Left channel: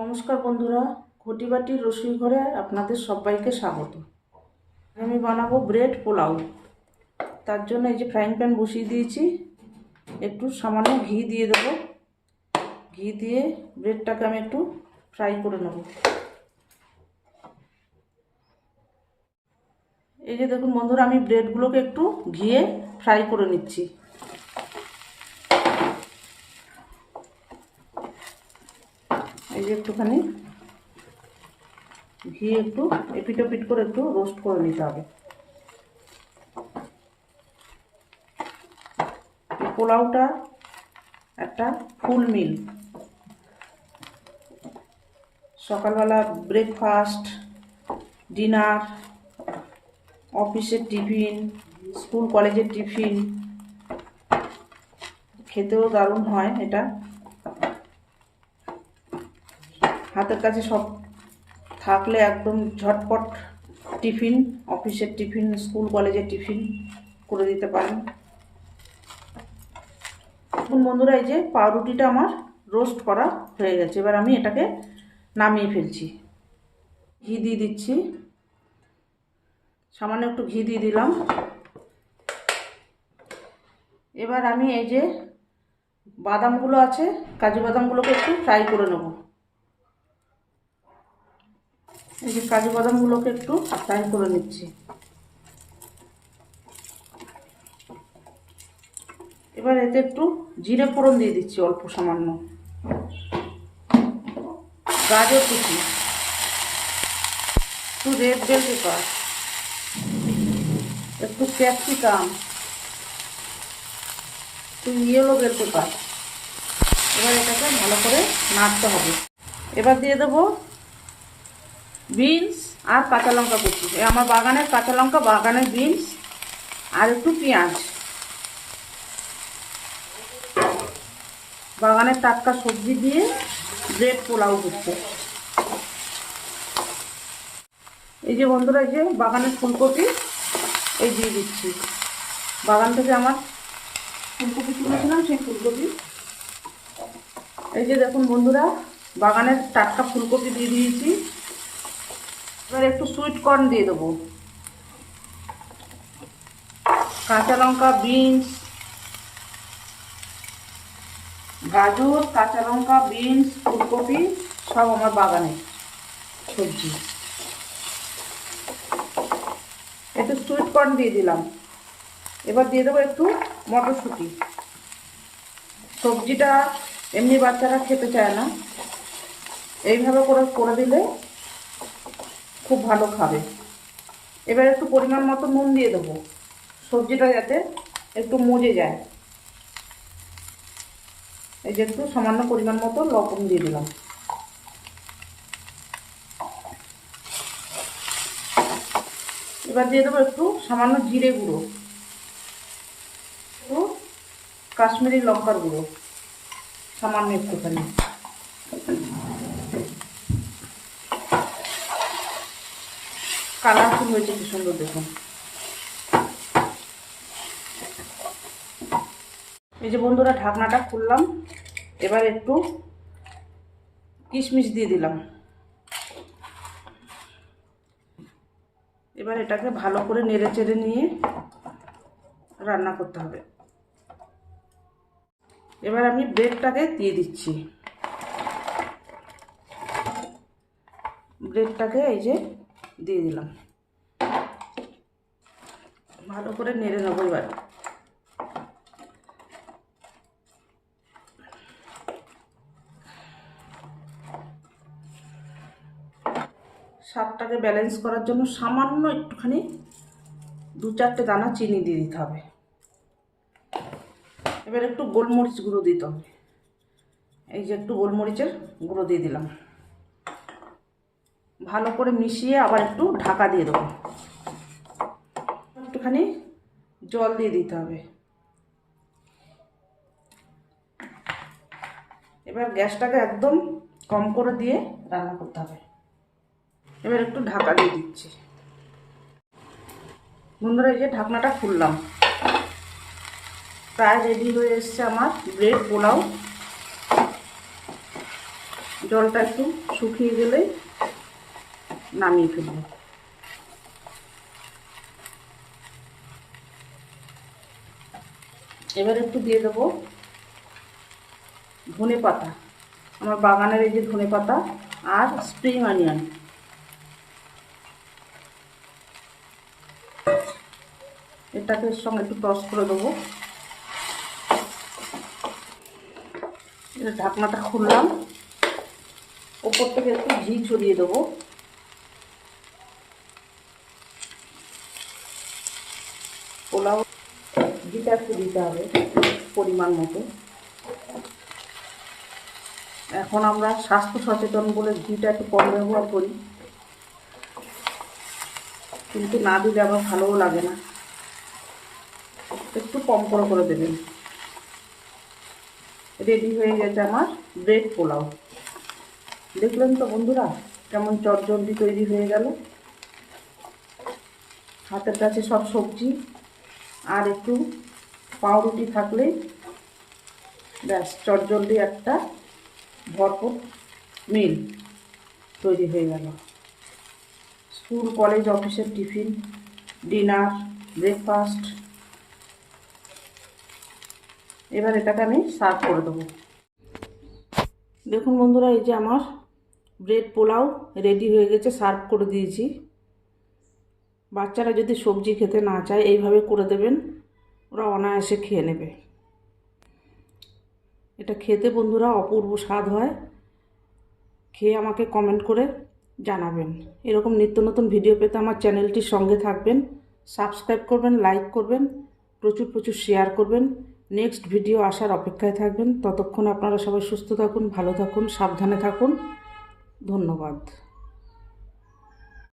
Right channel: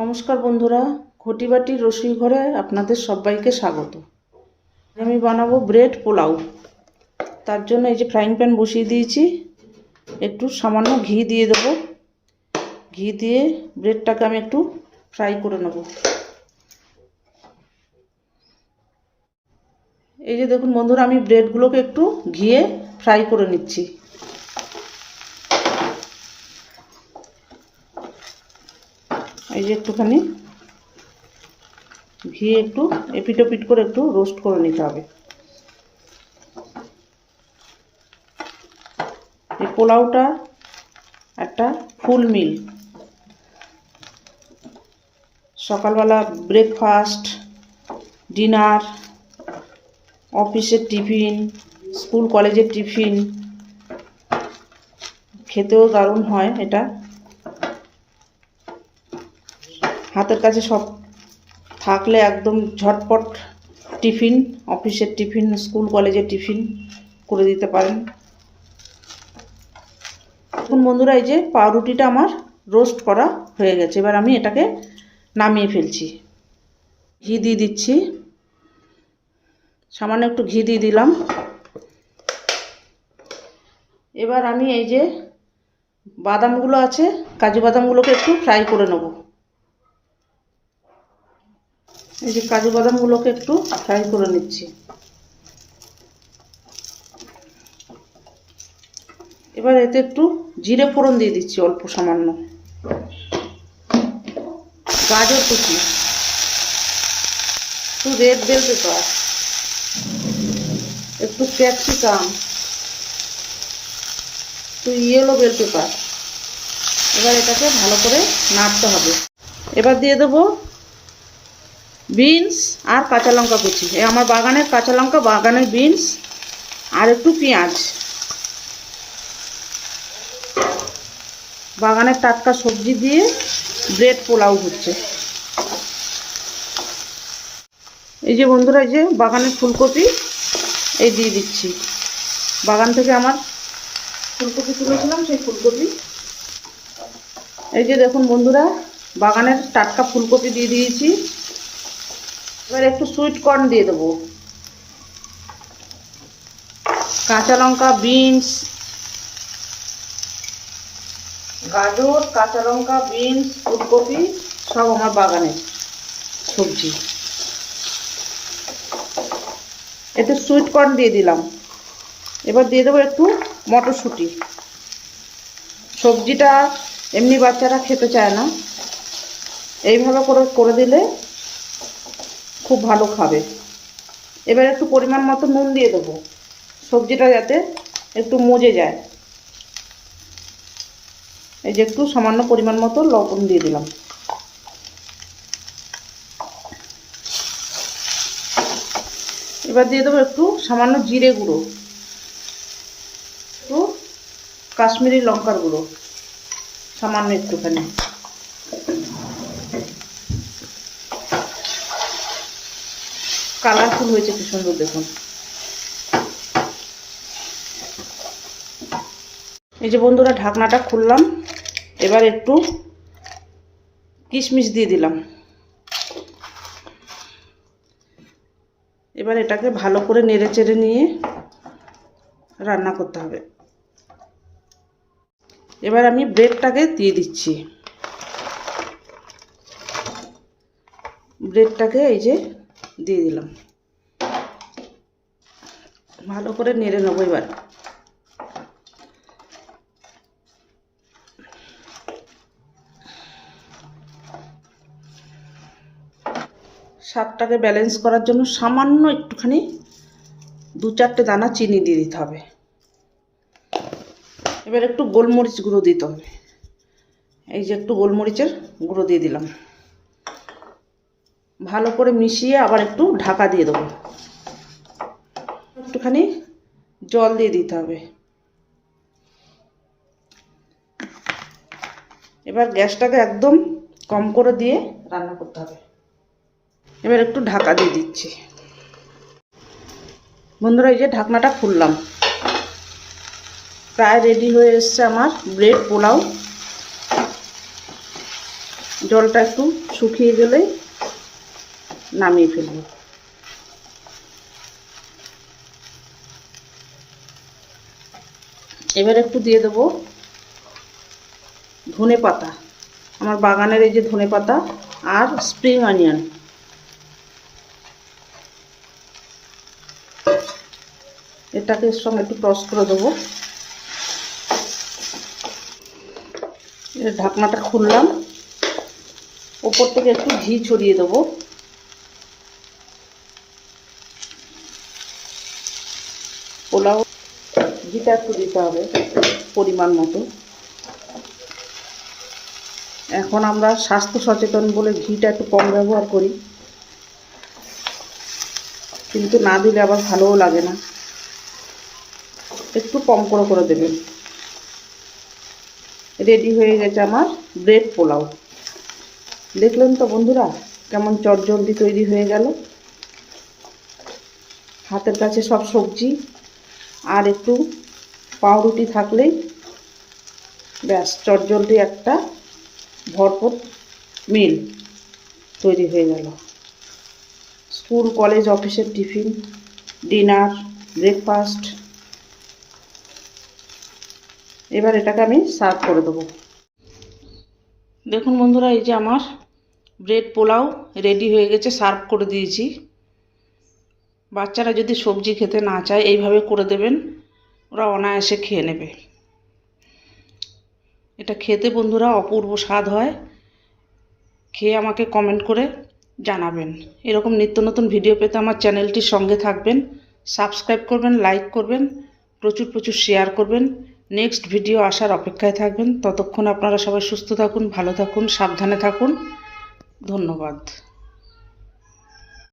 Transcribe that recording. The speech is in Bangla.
নমস্কার বন্ধুরা, ঘটি বাটির রসুই ঘরে আপনাদের সবাইকে স্বাগত। আমি বানাবো ব্রেড পোলাও। তার জন্য এই যে ফ্রাইং প্যান বসিয়ে দিয়েছি, একটু সামান্য ঘি দিয়ে দেবো। ঘি দিয়ে ব্রেডটাকে আমি একটু ফ্রাই করে নেব। এই যে দেখুন বন্ধুরা, আমি ব্রেডগুলোকে একটু ঘিয়ে ফ্রাই করে নিচ্ছি। এই যে একটুখানি ঘি একটু এপিট ওপিট করে একটু রোস্ট করে নিতে হবে। এই পোলাওটা একটা ফুল মিল, সকালবেলা ব্রেকফাস্ট, ডিনার, অফিসের টিফিন, স্কুল কলেজের টিফিন, খেতেও দারুণ হয়। এটা হাতের কাছে সব থাকলে একদম ঝটপট টিফিন, অফিসের টিফিন, স্কুল কলেজের টিফিন করে দিতে পারেন। এখন বন্ধুরা, এই যে পাউরুটিটা আমার রোস্ট করা হয়ে গেছে। এবার আমি এটাকে নামিয়ে ফেলছি। ঘি দিয়ে দিচ্ছি, সামান্য একটু ঘি দিয়ে দিলাম। এবার আমি এই যে বাদামগুলো আছে, কাজু বাদামগুলোকে একটু ফ্রাই করে নেব। এই যে কাজু বাদামগুলোকে একটু ফ্রাই করে নিচ্ছি। এবার এতে একটু জিরে ফোড়ন দিয়ে দিচ্ছি, অল্প সামান্য। গাজর কুচি, একটু রেড বেল পেপার, একটু ক্যাপসিকাম, একটু ইয়েলো বেল পেপার। এবার এটাকে ভালো করে নাড়তে হবে। এবার দিয়ে দেবো বিনস আর কাঁচা লঙ্কা কুচি। আমার বাগানের কাঁচা লঙ্কা, বাগানের বিনস আর একটু পেঁয়াজ। বাগানের টাটকা সবজি দিয়ে ব্রেড পোলাও হচ্ছে। এই যে বন্ধুরা, এই যে বাগানের ফুলকপি এই দিয়ে দিচ্ছি। বাগান থেকে আমার ফুলকপি তুলেছিলাম, সেই ফুলকপি। এই যে দেখুন বন্ধুরা, বাগানের টাটকা ফুলকপি দিয়ে দিয়েছি। এবার একটু সুইট কর্ন দিয়ে দেবো। কাঁচা লঙ্কা, বিনস, গাজর, কাঁচা লঙ্কা, বিনস, ফুলকপি সব আমার বাগানের সবজি। একটু সুইট কর্ন দিয়ে দিলাম। এবার দিয়ে দেবো একটু মটরশুঁটি। সবজিটা এমনি বাচ্চারা খেতে চায় না, এইভাবে করে দিলে খুব ভালো খাবে। এবার একটু পরিমাণ মতো নুন দিয়ে দেবো, সবজিটা যাতে একটু মজে যায়। এই যে একটু সামান্য পরিমাণ মতো লবণ দিয়ে দিলাম। এবার দিয়ে দেবো একটু সামান্য জিরে গুঁড়ো, একটু কাশ্মীরি লঙ্কার গুঁড়ো, সামান্য একটুখানি। কালারফুল হয়েছে কি সুন্দর দেখুন। এই যে বন্ধুরা, ঢাকনাটা খুললাম। এবার একটু কিশমিশ দিয়ে দিলাম। এবার এটাকে ভালো করে নেড়ে চেড়ে নিয়ে রান্না করতে হবে। এবার আমি ব্রেডটাকে দিয়ে দিচ্ছি। ব্রেডটাকে এই যে দিয়ে দিলাম, ভালো করে নেড়ে নেবো। এবার স্বাদটাকে ব্যালেন্স করার জন্য সামান্য একটুখানি 2-4টে দানা চিনি দিয়ে দিতে হবে। এবার একটু গোলমরিচ গুঁড়ো দিতে হবে। এই যে একটু গোলমরিচের গুঁড়ো দিয়ে দিলাম। ভালো করে মিশিয়ে আবার একটু ঢাকা দিয়ে দেবো। একটুখানি জল দিয়ে দিতে হবে। এবার গ্যাসটাকে একদম কম করে দিয়ে রান্না করতে হবে। এবার একটু ঢাকা দিয়ে দিচ্ছি। বন্ধুরা, এই যে ঢাকনাটা খুললাম, প্রায় রেডি হয়ে এসছে আমার ব্রেড পোলাও। জলটা একটু শুকিয়ে গেলে নামিয়ে ফেলব। এবার একটু দিয়ে দেবো ধনে পাতা, আমার বাগানের এই যে ধনে পাতা আর স্প্রিং অনিয়ন। এটাকে এর সঙ্গে একটু টস করে দেবো। এর ঢাকনাটা খুললাম, ওপর থেকে একটু ঘি ছড়িয়ে দেবো। পোলাও ঘিটা একটু দিতে হবে পরিমাণ মতো। এখন আমরা স্বাস্থ্য সচেতন বলে ঘিটা একটু কম ব্যবহার করি, কিন্তু না দিলে আবার ভালোও লাগে না, একটু কম করে দেবেন। রেডি হয়ে গেছে আমার ব্রেড পোলাও। দেখলেন তো বন্ধুরা কেমন চটজলদি তৈরি হয়ে গেল। হাতের কাছে সব সবজি আর একটু পাউরুটি থাকলেই ব্যাস চটজলদি একটা ভরপুর মিল তৈরি হয়ে গেল। স্কুল কলেজ অফিসের টিফিন, ডিনার, ব্রেকফাস্ট। এবার এটাকে আমি সার্ভ করে দেবো। দেখুন বন্ধুরা, এই যে আমার ব্রেড পোলাও রেডি হয়ে গেছে, সার্ভ করে দিয়েছি। বাচ্চারা যদি সবজি খেতে না চায় এইভাবে করে দেবেন, ওরা অনায়াসে খেয়ে নেবে। এটা খেতে বন্ধুরা অপূর্ব স্বাদ হয়। খেয়ে আমাকে কমেন্ট করে জানাবেন। এরকম নিত্য নতুন ভিডিও পেতে আমার চ্যানেলটির সঙ্গে থাকবেন, সাবস্ক্রাইব করবেন, লাইক করবেন, প্রচুর শেয়ার করবেন। নেক্সট ভিডিও আসার অপেক্ষায় থাকবেন। ততক্ষণ আপনারা সবাই সুস্থ থাকুন, ভালো থাকুন, সাবধানে থাকুন। ধন্যবাদ।